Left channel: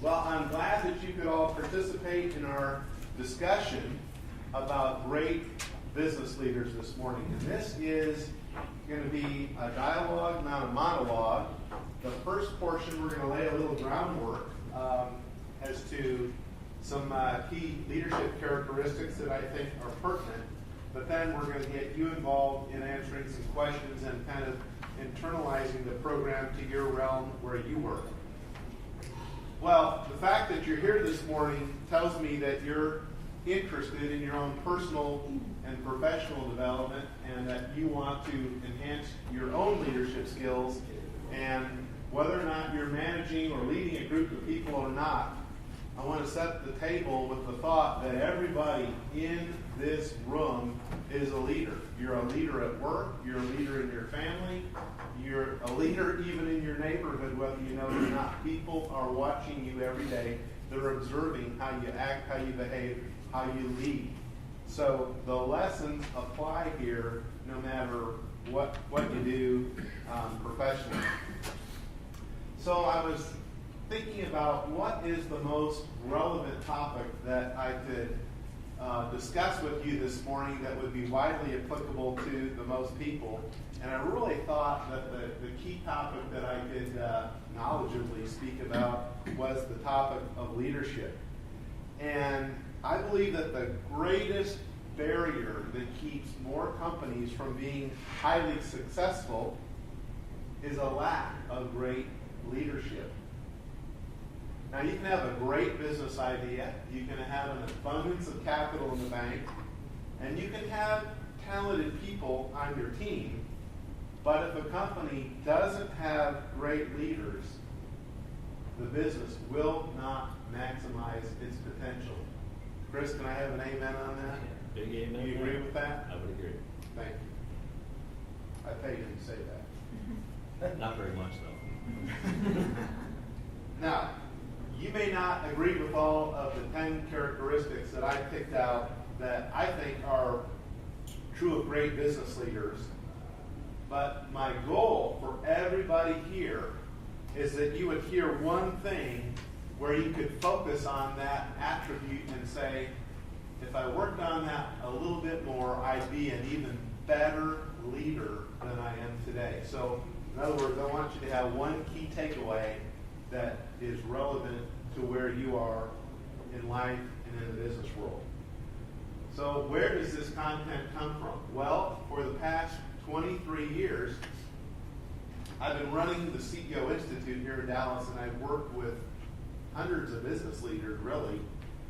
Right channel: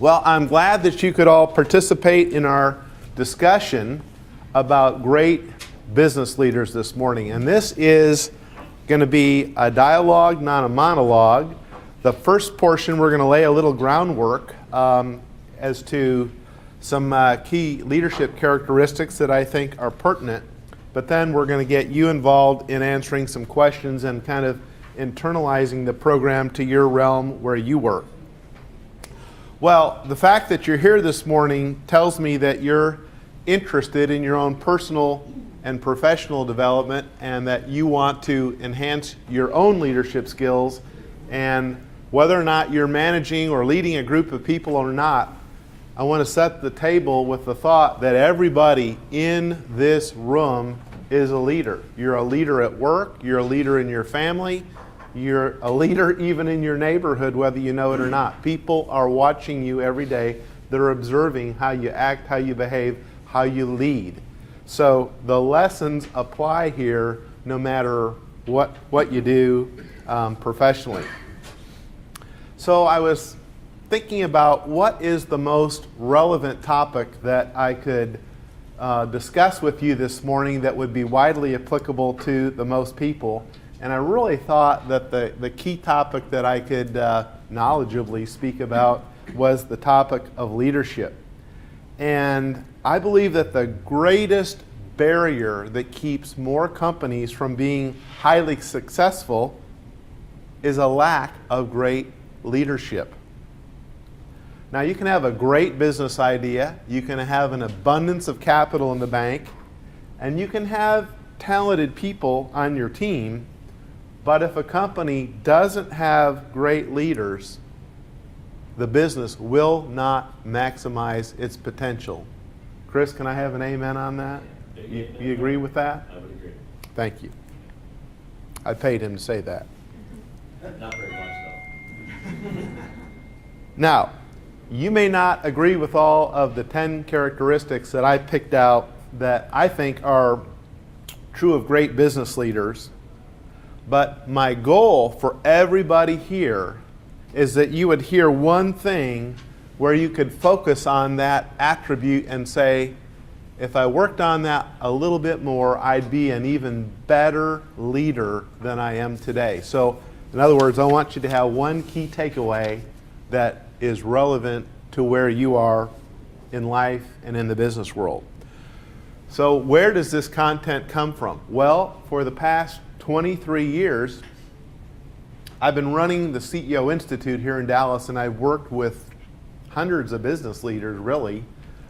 Well, I'm glad that you could all participate in our discussion about great business leaders this morning. And this is going to be a dialogue, not a monologue. The first portion, we're going to lay a little groundwork as to some key leadership characteristics that I think are pertinent. But then we're going to get you involved in answering some questions and kind of internalizing the program to your realm where you work. Well, the fact that you're here this morning tells me that you're interested in your own personal and professional development and that you want to enhance your own leadership skills. And whether or not you're managing or leading a group of people or not, I want to set the table with the thought that everybody in this room is a leader. You're a leader at work, you're a leader in your family, you're a leader even in your neighborhood, whether you know it or not. People are watching you every day. They're observing how you act, how you behave, how you lead. So the lessons apply here no matter what you do professionally. So I was thinking about what is the most relevant topic that I could discuss with you this morning that would be widely applicable to the most people. And I really thought that the key topic that I could knowledgeably speak about was the topic of leadership. And I believe that the greatest barrier that keeps more companies from being highly successful is a lack of great leadership. Now, you can have a great business idea, you can have an abundance of capital in the bank, and you can have talented people on your team. But if a company doesn't have great leaders, the business will not maximize its potential. Chris, can I have an amen on that? You agree with that? I would agree. Thank you. I paid him to say that. Not very much, though. Now, you may not agree with all of the 10 characteristics that I picked out that I think are true of great business leaders. But my goal for everybody here is that you would hear one thing where you could focus on that attribute and say, if I worked on that a little bit more, I'd be an even better leader than I am today. So, in other words, I want you to have one key takeaway that is relevant to where you are in life and in the business world. So, where does this content come from? Well, for the past 23 years, I've been running the CEO Institute here in Dallas, and I've worked with hundreds of business leaders, really,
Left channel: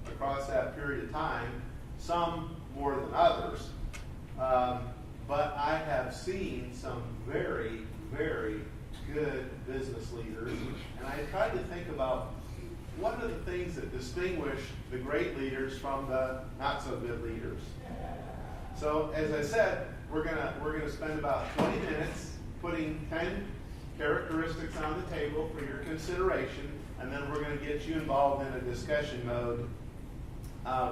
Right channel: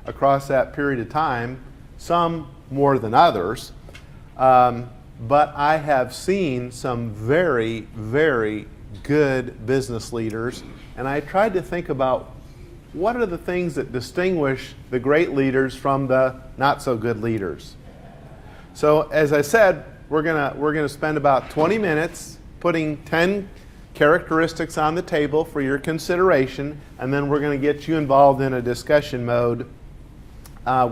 across that period of time, some more than others. But I have seen some very, very good business leaders, and I tried to think about what are the things that distinguish the great leaders from the not so good leaders. So, as I said, we're gonna spend about 20 minutes putting 10 characteristics on the table for your consideration, and then we're going to get you involved in a discussion mode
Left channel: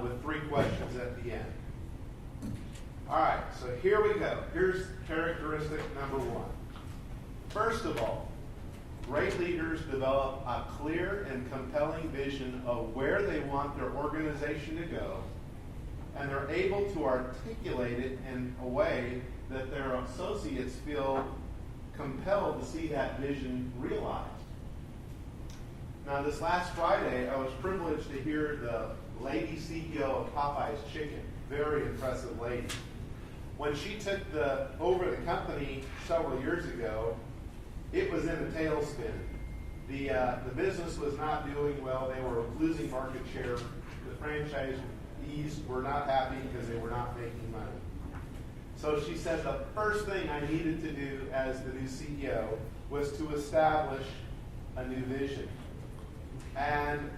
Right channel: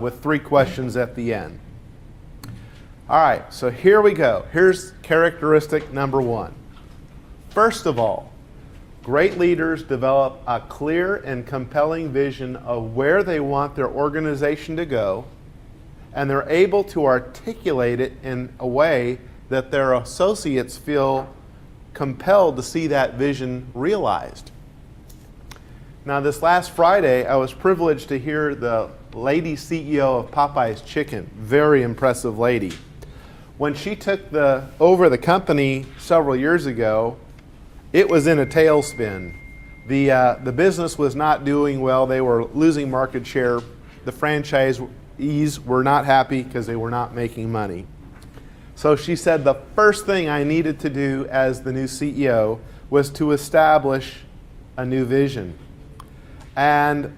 with 3 questions at the end. All right, so here we go. Here's characteristic number 1. First of all, great leaders develop a clear and compelling vision of where they want their organization to go, and they're able to articulate it in a way that their associates feel compelled to see that vision realized. Now, this last Friday, I was privileged to hear the lady CEO of Popeye's Chicken, very impressive lady. When she took over the company several years ago, it was in a tailspin. The business was not doing well. They were losing market share. The franchisees were not happy because they were not making money. So she said the first thing I needed to do as the new CEO was to establish a new vision. And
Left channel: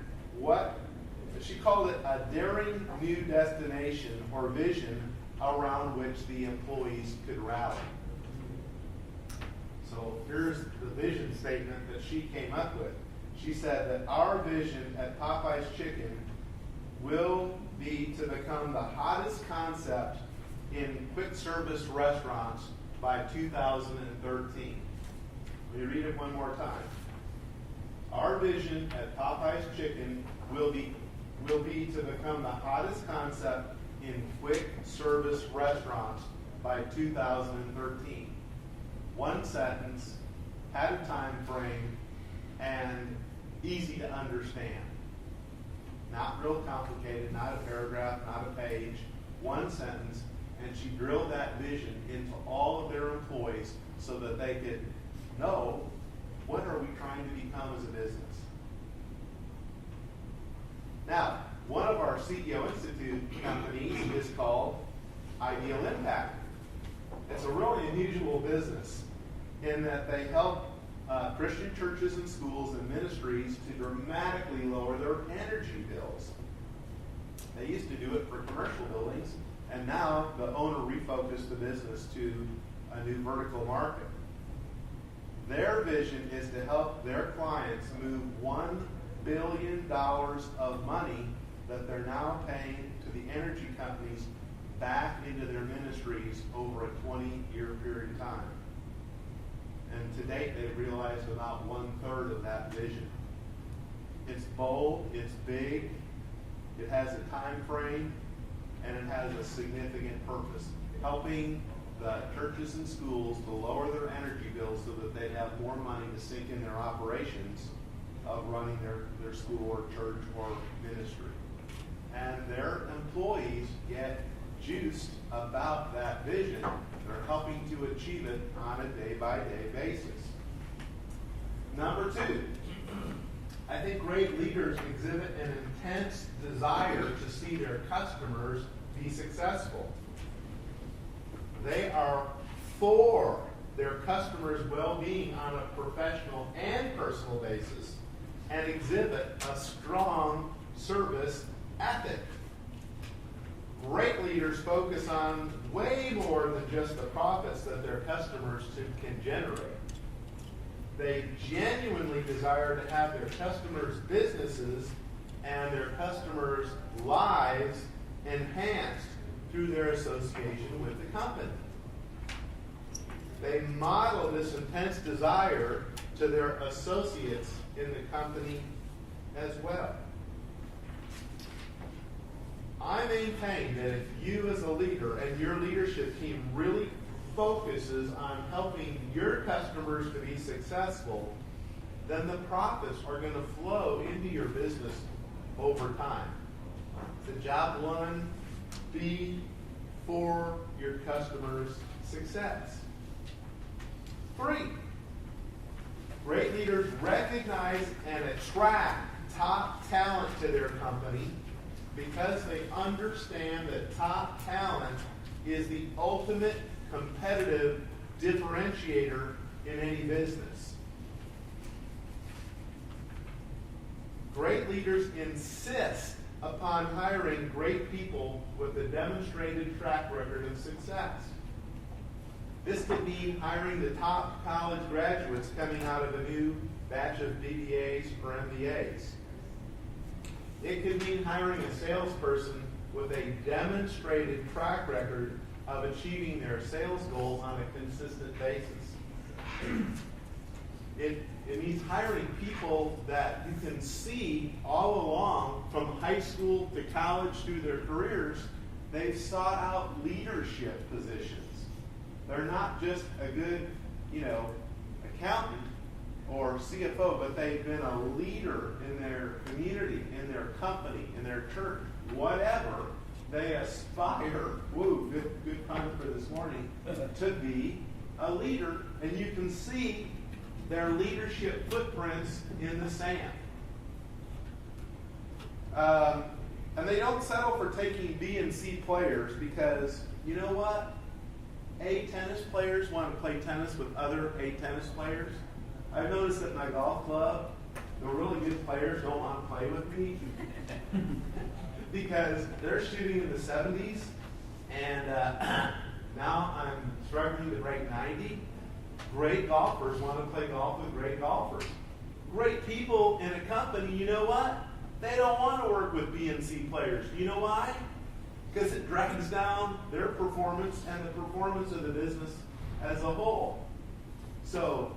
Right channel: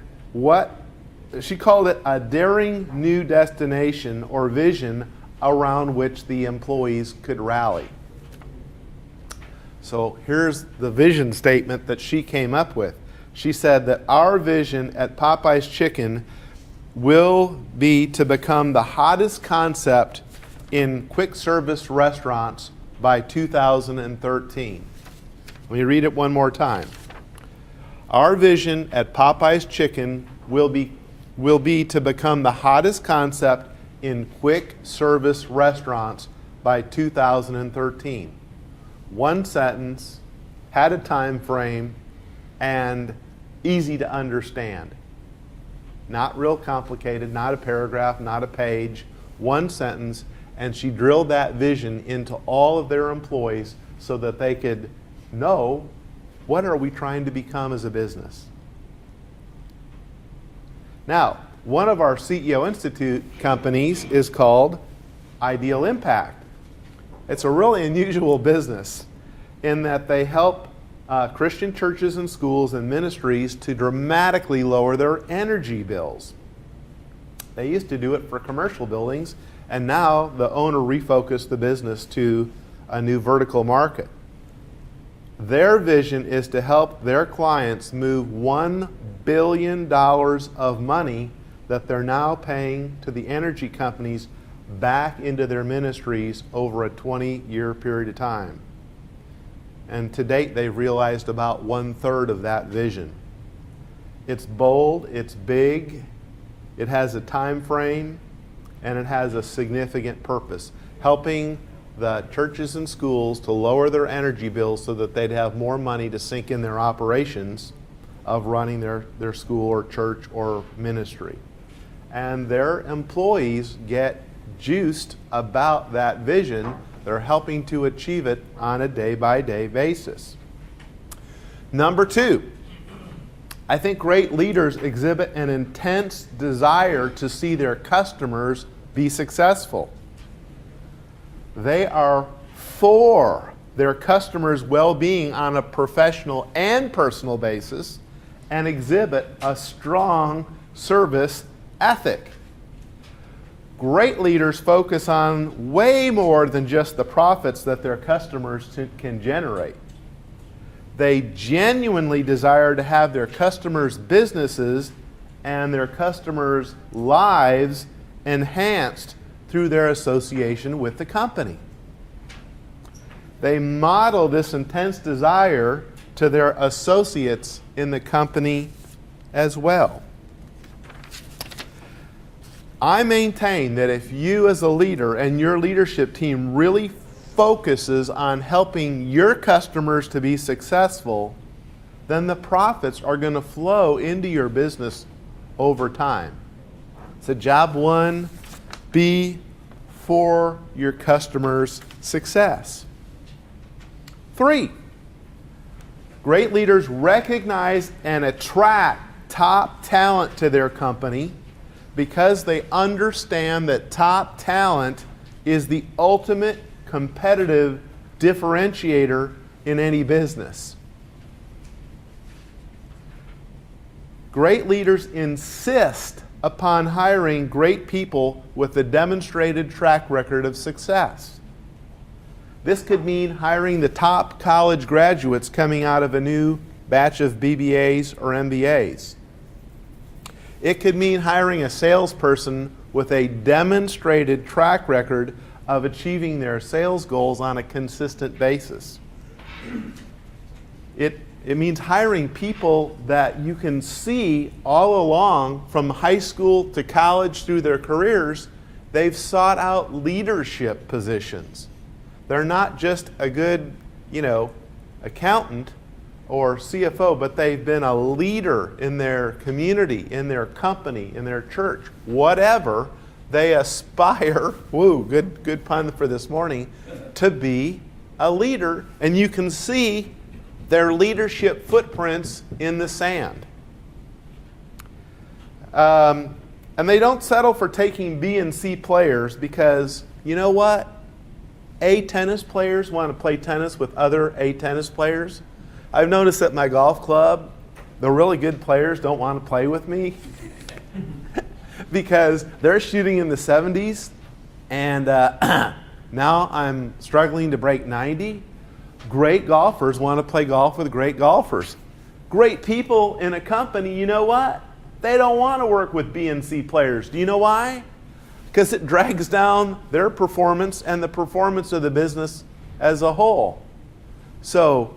she called it a daring new destination or vision around which the employees could rally. So here's the vision statement that she came up with. She said that our vision at Popeye's Chicken will be to become the hottest concept in quick service restaurants by 2013. Let me read it one more time. Our vision at Popeye's Chicken will be to become the hottest concept in quick service restaurants by 2013. One sentence, had a time frame, and easy to understand. Not real complicated, not a paragraph, not a page, one sentence, and she drilled that vision into all of their employees so that they could know, what are we trying to become as a business? Now, one of our CEO Institute companies is called Ideal Impact. It's a really unusual business in that they help Christian churches and schools and ministries to dramatically lower their energy bills. They used to do it for commercial buildings, and now the owner refocused the business to a new vertical market. Their vision is to help their clients move $1 billion of money that they're now paying to the energy companies back into their ministries over a 20-year period of time. And to date, they've realized about 1/3 of that vision. It's bold, it's big, it has a time frame, and it has a significant purpose, helping the churches and schools to lower their energy bills so that they'd have more money to sink in their operations of running their school or church or ministry. And their employees get juiced about that vision. They're helping to achieve it on a day-by-day basis. Number 2, I think great leaders exhibit an intense desire to see their customers be successful. They are for their customers' well-being on a professional and personal basis and exhibit a strong service ethic. Great leaders focus on way more than just the profits that their customers can generate. They genuinely desire to have their customers' businesses and their customers' lives enhanced through their association with the company. They model this intense desire to their associates in the company as well. I maintain that if you as a leader and your leadership team really focuses on helping your customers to be successful, then the profits are going to flow into your business over time. So job 1, be for your customers' success. 3, great leaders recognize and attract top talent to their company because they understand that top talent is the ultimate competitive differentiator in any business. Great leaders insist upon hiring great people with a demonstrated track record of success. This could mean hiring the top college graduates coming out of a new batch of BBAs or MBAs. It could mean hiring a salesperson with a demonstrated track record of achieving their sales goals on a consistent basis. It means hiring people that you can see all along from high school to college through their careers, they've sought out leadership positions. They're not just a good, accountant or CFO, but they've been a leader in their community, in their company, in their church, whatever. They aspire, good pun for this morning, to be a leader, and you can see their leadership footprints in the sand. And they don't settle for taking B and C players because, you know what? A tennis players want to play tennis with other A tennis players. I've noticed at my golf club, the really good players don't want to play with me because they're shooting in the 70s, and now I'm struggling to break 90. Great golfers want to play golf with great golfers. Great people in a company, you know what? They don't want to work with B and C players. Do you know why? Because it drags down their performance and the performance of the business as a whole. So,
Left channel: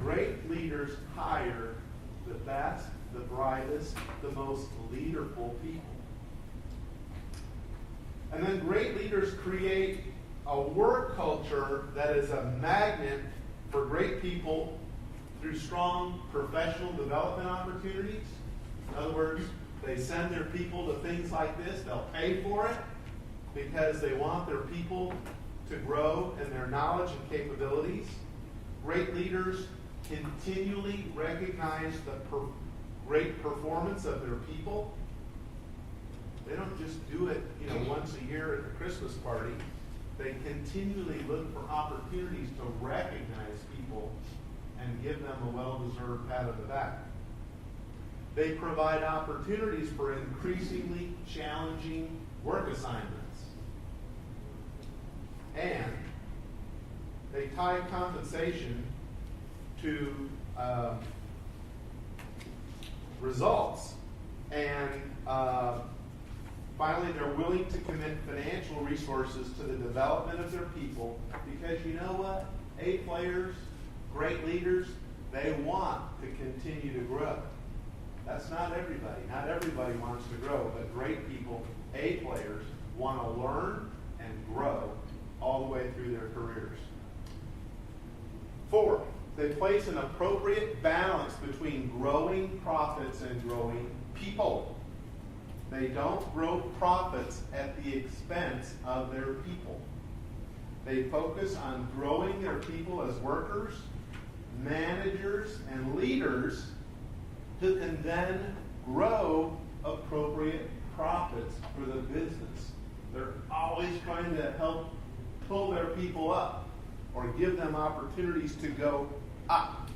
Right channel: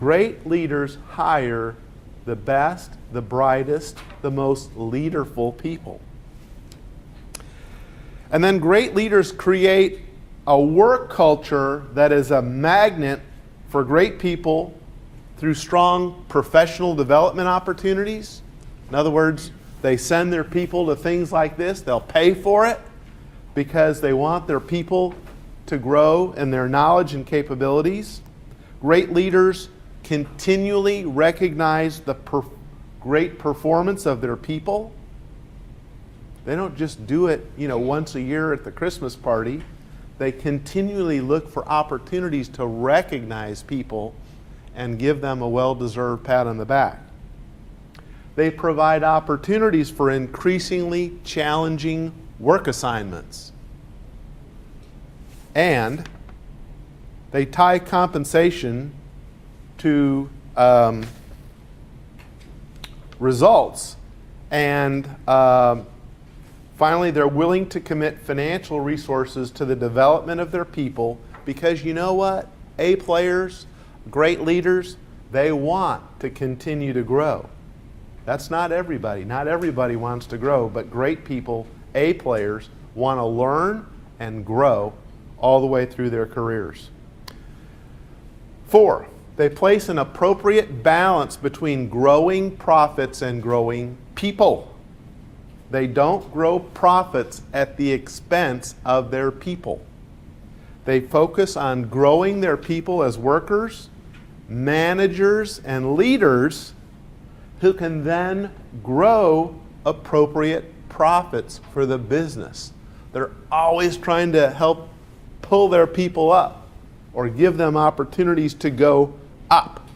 great leaders hire the best, the brightest, the most leaderful people. And then great leaders create a work culture that is a magnet for great people through strong professional development opportunities. In other words, they send their people to things like this. They'll pay for it because they want their people to grow in their knowledge and capabilities. Great leaders continually recognize the great performance of their people. They don't just do it, once a year at the Christmas party. They continually look for opportunities to recognize people and give them a well-deserved pat on the back. They provide opportunities for increasingly challenging work assignments. And they tie compensation to results. And finally, they're willing to commit financial resources to the development of their people because you know what? A players, great leaders, they want to continue to grow. That's not everybody. Not everybody wants to grow, but great people, A players, want to learn and grow all the way through their careers. 4, they place an appropriate balance between growing profits and growing people. They don't grow profits at the expense of their people. They focus on growing their people as workers, managers, and leaders who can then grow appropriate profits for the business. They're always trying to help pull their people up or give them opportunities to go up.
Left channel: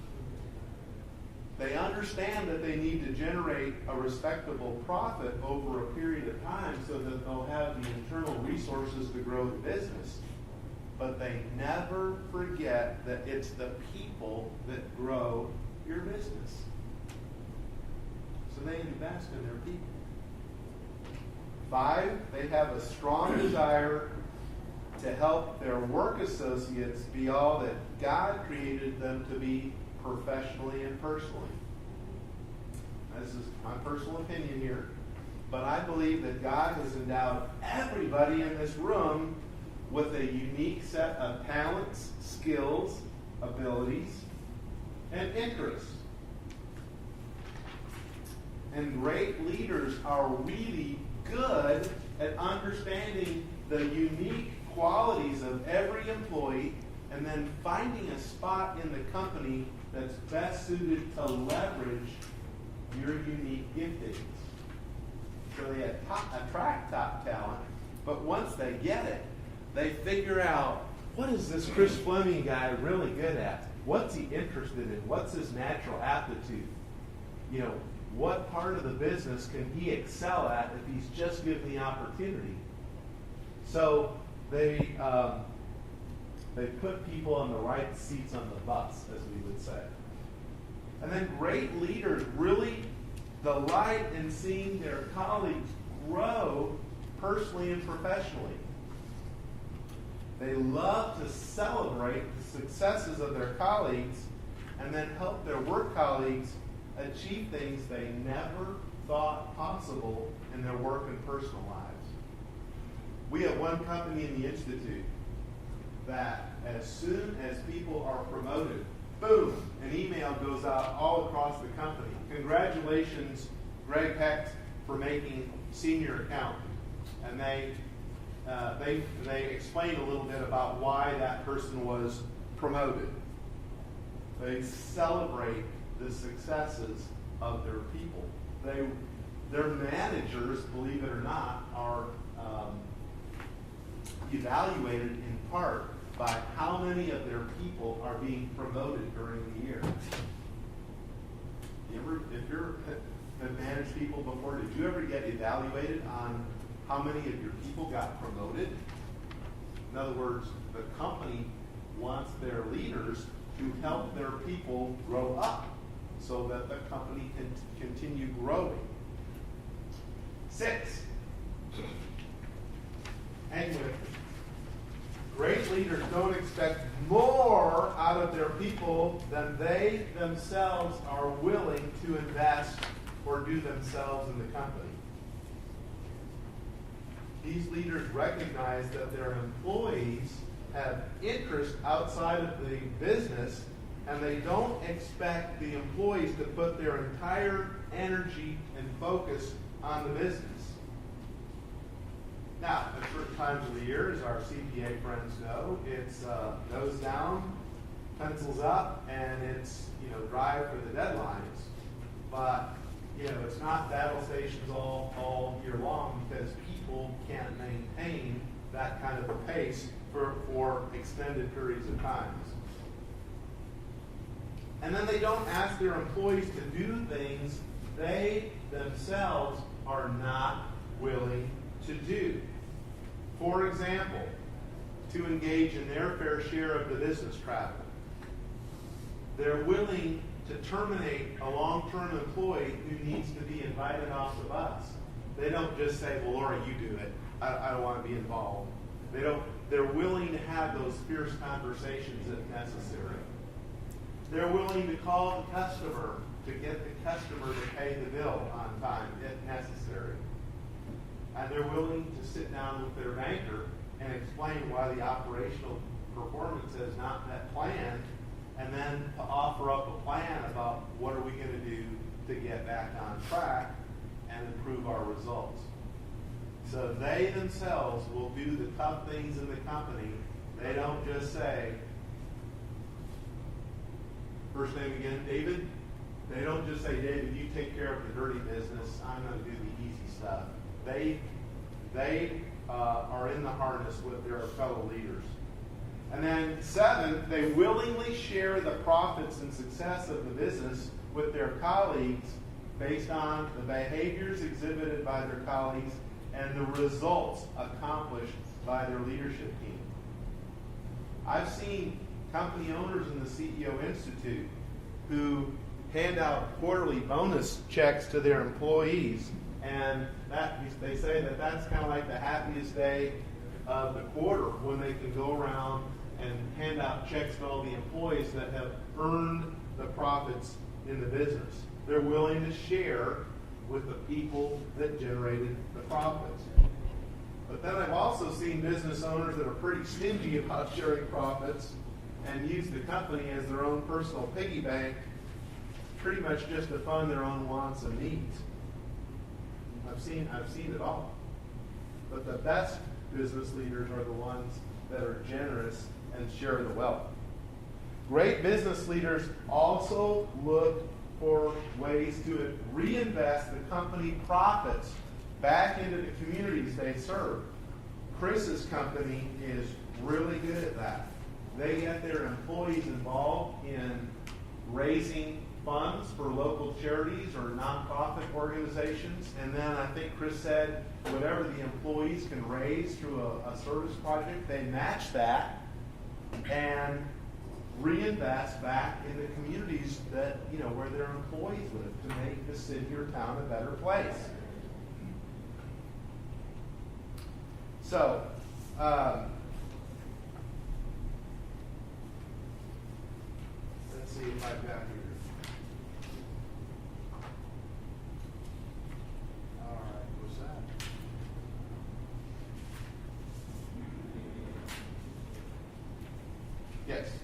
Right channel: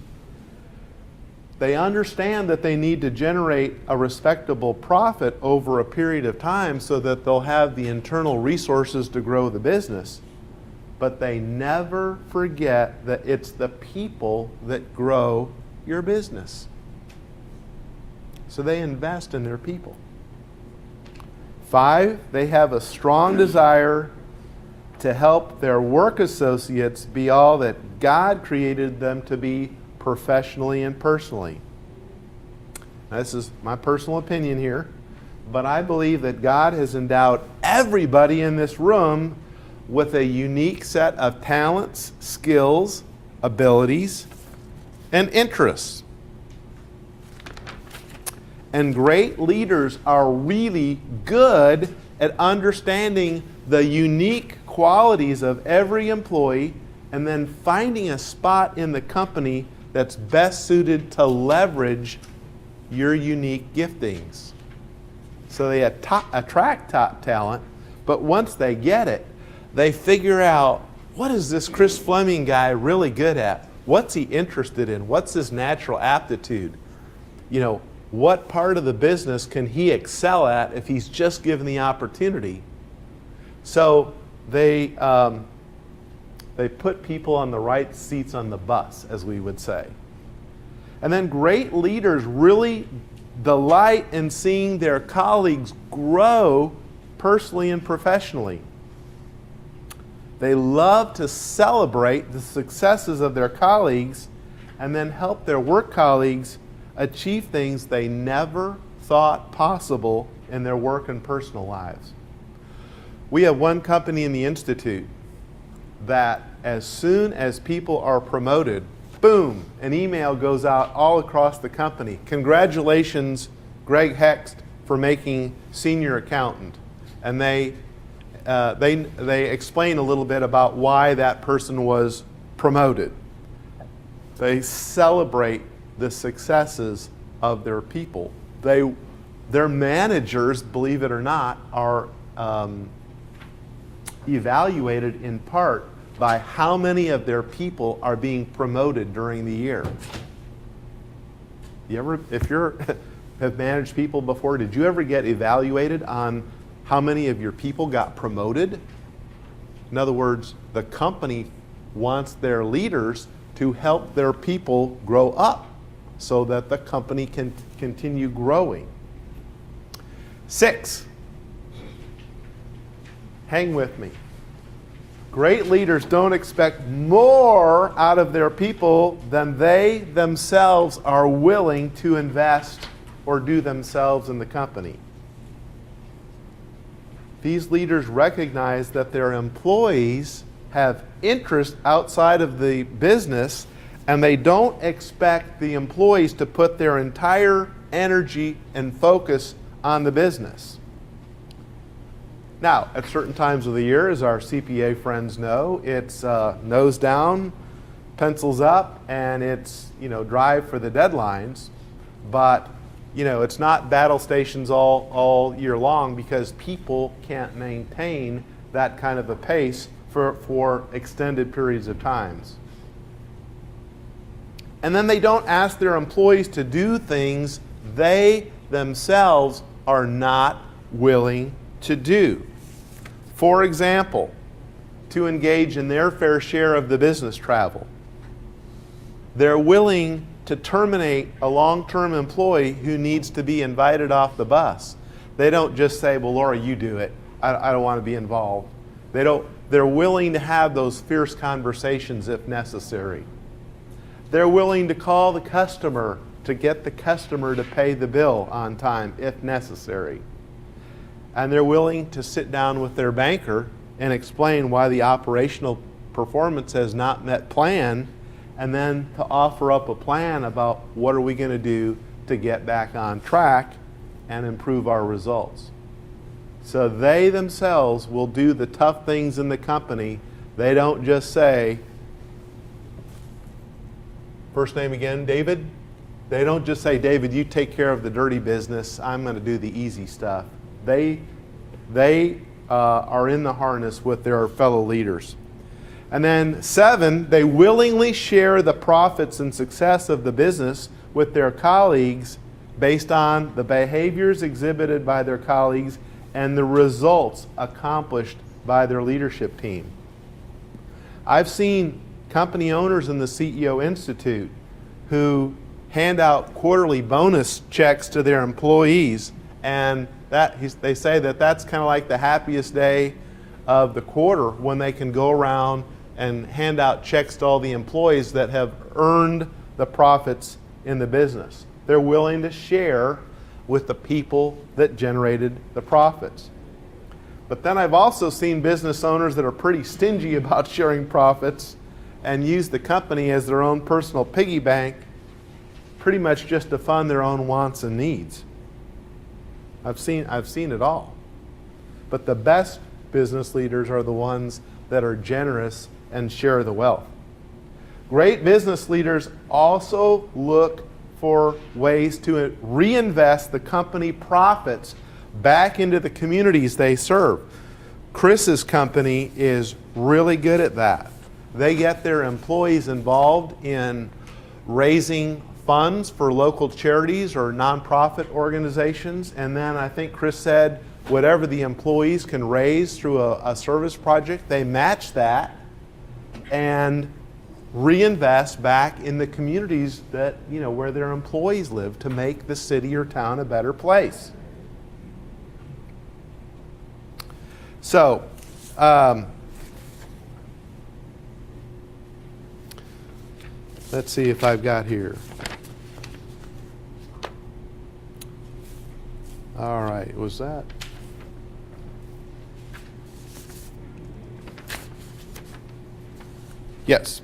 They understand that they need to generate a respectable profit over a period of time so that they'll have the internal resources to grow the business. But they never forget that it's the people that grow your business. So they invest in their people. 5, they have a strong desire to help their work associates be all that God created them to be professionally and personally. Now, this is my personal opinion here, but I believe that God has endowed everybody in this room with a unique set of talents, skills, abilities, and interests. And great leaders are really good at understanding the unique qualities of every employee and then finding a spot in the company that's best suited to leverage your unique giftings. So they attract top talent, but once they get it, they figure out, what is this Chris Fleming guy really good at? What's he interested in? What's his natural aptitude? What part of the business can he excel at if he's just given the opportunity? So they put people on the right seats on the bus, as we would say. And then great leaders really delight in seeing their colleagues grow personally and professionally. They love to celebrate the successes of their colleagues and then help their work colleagues achieve things they never thought possible in their work and personal lives. We have one company in the Institute that as soon as people are promoted, boom, an email goes out all across the company. Congratulations, Greg Hext, for making senior accountant. And they explain a little bit about why that person was promoted. They celebrate the successes of their people. Their managers, believe it or not, are evaluated in part by how many of their people are being promoted during the year. If you have managed people before, did you ever get evaluated on how many of your people got promoted? In other words, the company wants their leaders to help their people grow up so that the company can continue growing. 6, hang with me. Great leaders don't expect more out of their people than they themselves are willing to invest or do themselves in the company. These leaders recognize that their employees have interest outside of the business, and they don't expect the employees to put their entire energy and focus on the business. Now, at certain times of the year, as our CPA friends know, it's nose down, pencils up, and it's, drive for the deadlines. But, it's not battle stations all year long, because people can't maintain that kind of a pace for extended periods of times. And then they don't ask their employees to do things they themselves are not willing to do. For example, to engage in their fair share of the business travel. They're willing to terminate a long-term employee who needs to be invited off the bus. They don't just say, well, Laura, you do it. I don't want to be involved. They're willing to have those fierce conversations if necessary. They're willing to call the customer to get the customer to pay the bill on time if necessary. And they're willing to sit down with their banker and explain why the operational performance has not met plan, and then to offer up a plan about what are we going to do to get back on track and improve our results. So they themselves will do the tough things in the company. They don't just say, first name again, David? They don't just say, David, you take care of the dirty business. I'm going to do the easy stuff. They are in the harness with their fellow leaders. And then 7, they willingly share the profits and success of the business with their colleagues based on the behaviors exhibited by their colleagues and the results accomplished by their leadership team. I've seen company owners in the CEO Institute who hand out quarterly bonus checks to their employees, and they say that's kind of like the happiest day of the quarter when they can go around and hand out checks to all the employees that have earned the profits in the business. They're willing to share with the people that generated the profits. But then I've also seen business owners that are pretty stingy about sharing profits and use the company as their own personal piggy bank, pretty much just to fund their own wants and needs. I've seen it all. But the best business leaders are the ones that are generous and share the wealth. Great business leaders also look for ways to reinvest the company profits back into the communities they serve. Chris's company is really good at that. They get their employees involved in raising funds for local charities or nonprofit organizations, and then I think Chris said whatever the employees can raise through a service project, they match that and reinvest back in the communities that, where their employees live to make the city or town a better place. So, let's see if I've got here. All right, was that? Yes.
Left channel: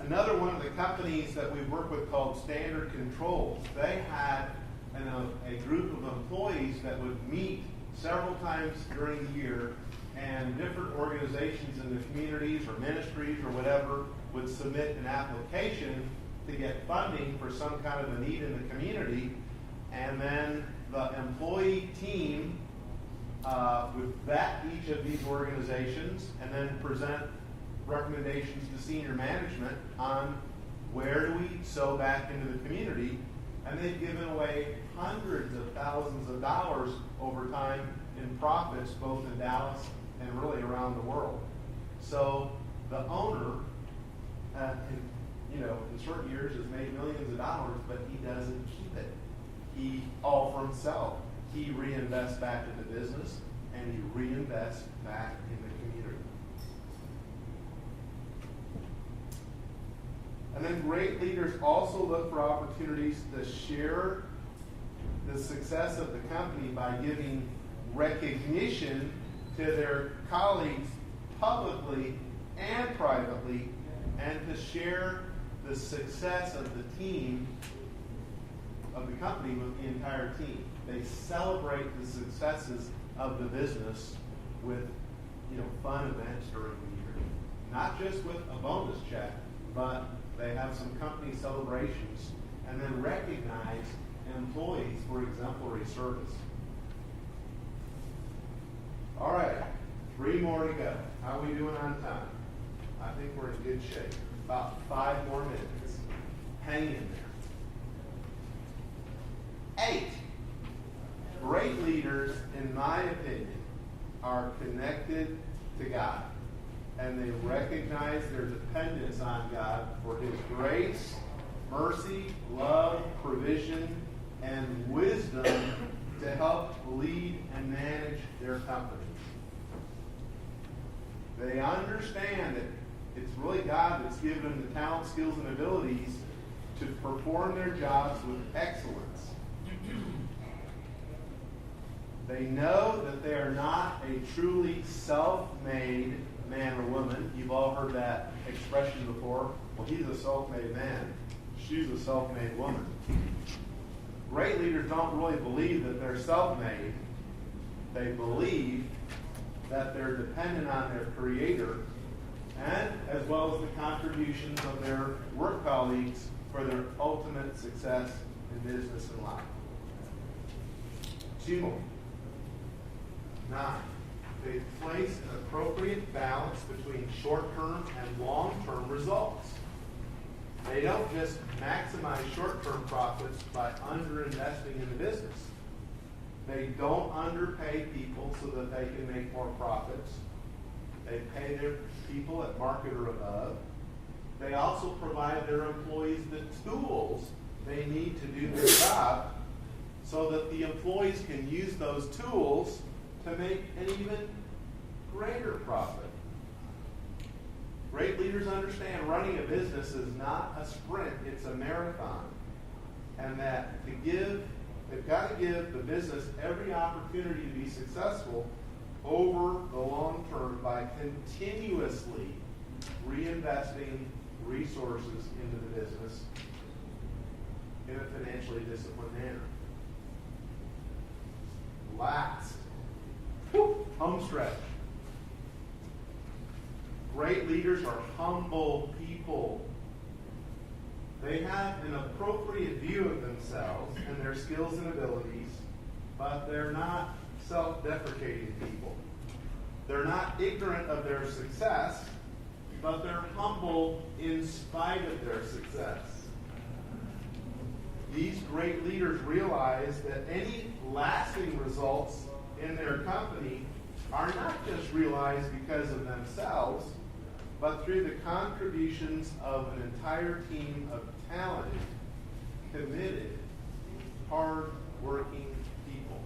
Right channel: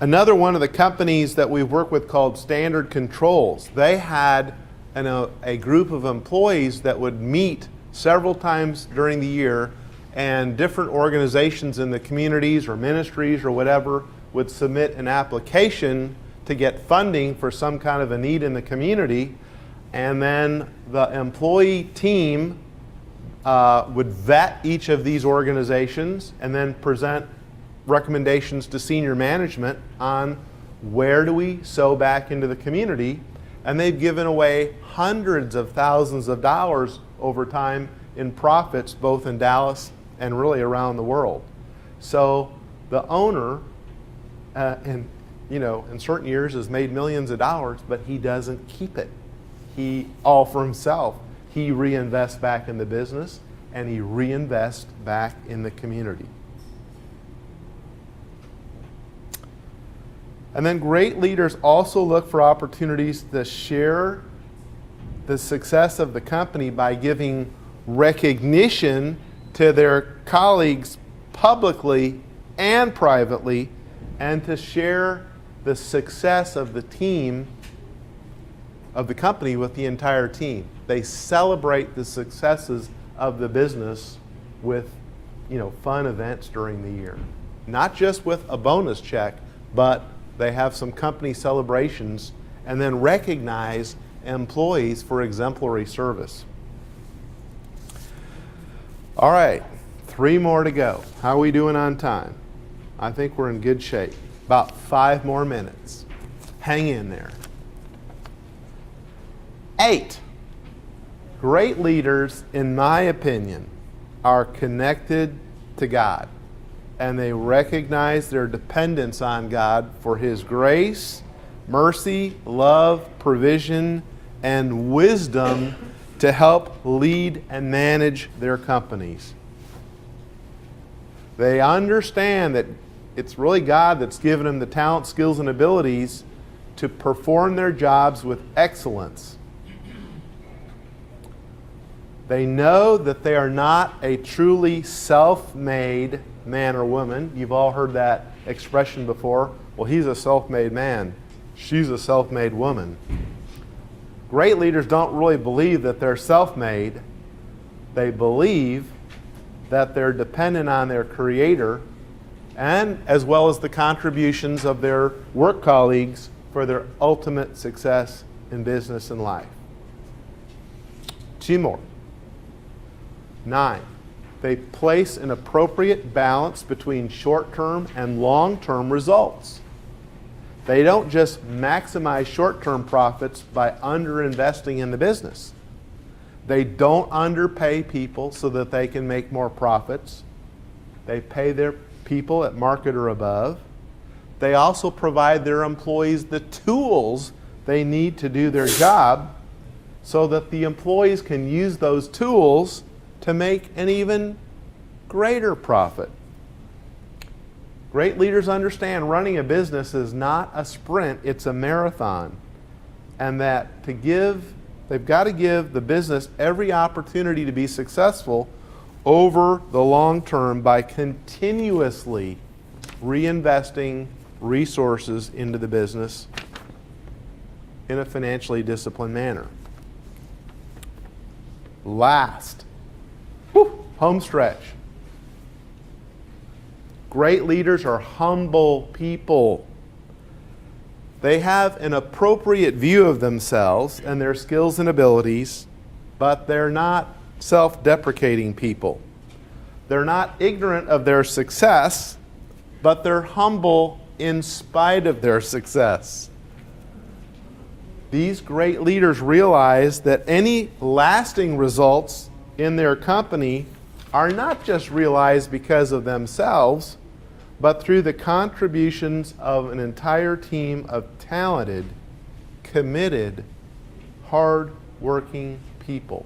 Another one of the companies that we work with called Standard Controls, they had a group of employees that would meet several times during the year, and different organizations in the communities or ministries or whatever would submit an application to get funding for some kind of a need in the community, and then the employee team would vet each of these organizations and then present recommendations to senior management on where do we sow back into the community. And they've given away hundreds of thousands of dollars over time in profits, both in Dallas and really around the world. So the owner, in certain years has made millions of dollars, but he doesn't keep it. He all for himself. He reinvests back in the business, and he reinvests back in the community. And then great leaders also look for opportunities to share the success of the company by giving recognition to their colleagues publicly and privately, and to share the success of the team, of the company, with the entire team. They celebrate the successes of the business with, fun events during the year. Not just with a bonus check, but they have some company celebrations and then recognize employees for exemplary service. All right, 3 more to go. How are we doing on time? I think we're in good shape. About 5 more minutes. Hang in there. 8. Great leaders, in my opinion, are connected to God, and they recognize their dependence on God for His grace, mercy, love, provision, and wisdom to help lead and manage their companies. They understand that it's really God that's given them the talent, skills, and abilities to perform their jobs with excellence. They know that they are not a truly self-made man or woman. You've all heard that expression before. Well, he's a self-made man. She's a self-made woman. Great leaders don't really believe that they're self-made. They believe that they're dependent on their Creator, and as well as the contributions of their work colleagues for their ultimate success in business and life. 2 more. 9. They place an appropriate balance between short-term and long-term results. They don't just maximize short-term profits by underinvesting in the business. They don't underpay people so that they can make more profits. They pay their people at market or above. They also provide their employees the tools they need to do their job so that the employees can use those tools to make an even greater profit. Great leaders understand running a business is not a sprint, it's a marathon. And that they've got to give the business every opportunity to be successful over the long term by continuously reinvesting resources into the business in a financially disciplined manner. Last, home stretch. Great leaders are humble people. They have an appropriate view of themselves and their skills and abilities, but they're not self-deprecating people. They're not ignorant of their success, but they're humble in spite of their success. These great leaders realize that any lasting results in their company are not just realized because of themselves, but through the contributions of an entire team of talented, committed, hard-working people.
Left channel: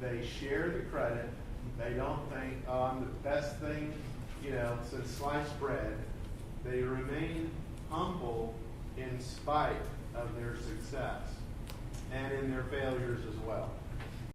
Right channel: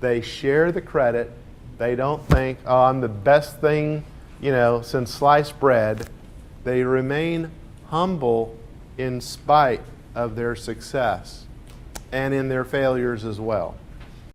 They share the credit. They don't think, oh, I'm the best thing, since sliced bread. They remain humble in spite of their success and in their failures as well.